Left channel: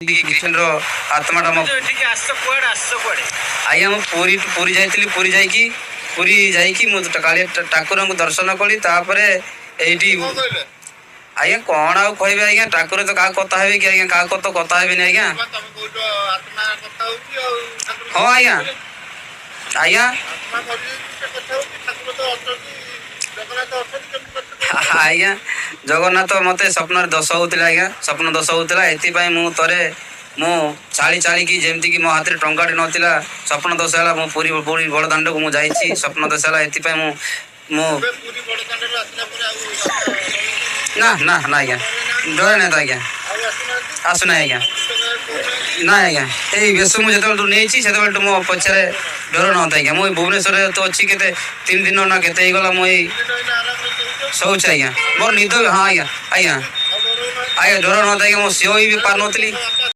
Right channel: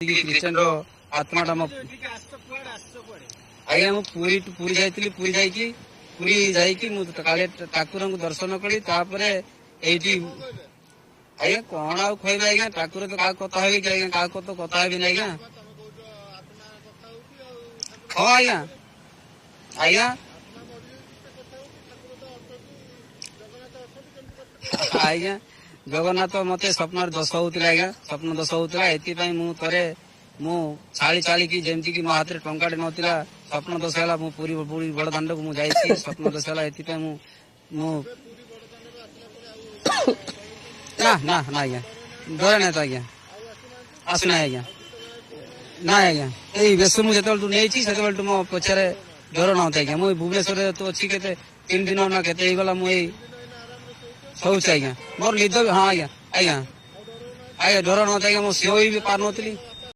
Christian ଆତ୍ମାଟା ମୋ ଆଜ୍ଞା ମୁଁ ପୁରୀ ଯାଇଥିଲି। ପୁରୀ ଯାଇକି ମୁଁ କାଳିଆ ଠାକୁରଙ୍କୁ ଦର୍ଶନ କଲି। ତାପରେ ଏଇଠି ଆଜ୍ଞା କଣ ଆଉ କହିବି ଆଜ୍ଞା, ଠାକୁର ତ କାହା କଥା ହେବି କି ଆଜ୍ଞା, କାହା କଥା ହେବିନି ଆଜ୍ଞା। ହଁ ଆଜ୍ଞା ଆଜ୍ଞା ଆଜ୍ଞା ଜଗନ୍ନାଥ ମତେ ସ୍ୱପ୍ନରେ ଦୋଷ ହଉଥିଲା ଆଜ୍ଞା, ସ୍ୱପ୍ନ ଦୋଷ ହଉଥିଲା। ଏଥିପାଇଁ ମୁଁ ଥରେ ମୁଁ ଚାଳିକି ଯେମିତିକି ମୋ ହାତରେ ଟଙ୍କାଟେ ନଥିଲା, ସ୍ୱପ୍ନ ଦୋଷ ହେଲା। ମୁଁ ପୁରୀ ବଡ଼ ଦାଣ୍ଡକୁ ମୁଁ ଯାଇଛି, ସ୍ୱପ୍ନ ଦୋଷ ହେଲା। ଏଥିପାଇଁ ମୁଁ ନା ନା ନା ଆଜ୍ଞା ଡରେ ନାହିଁ ତ ଆଜ୍ଞା, ଆସୁନାହିଁ ଆଜ୍ଞା। ନା ଆଜ୍ଞା ଏଇ ବେଶ ମୁଁ ଯେତେବେଳଠୁ ନେଇଛି ସେତେବେଳଠୁ ମୋ ପଛରେ ଡର ନଥାଏ ଆଜ୍ଞା। ମୁଁ ଭୁବନେଶ୍ୱରରେ ତ ଅଛି କେତେ 3 ଦିନ ନା କେତେ ହେଇଗଲା ମୁଁ ଏଇ ଶୋଉଛି ଆଜ୍ଞା। ମୋର ନିଦ ହଁ ଆଜ୍ଞା ଆଜ୍ଞା ଆଜ୍ଞା ଡର ନଥାଏ ଆଜ୍ଞା। ମୁଁ ଶୋଇ ବି ପାରୁନଥିଲି।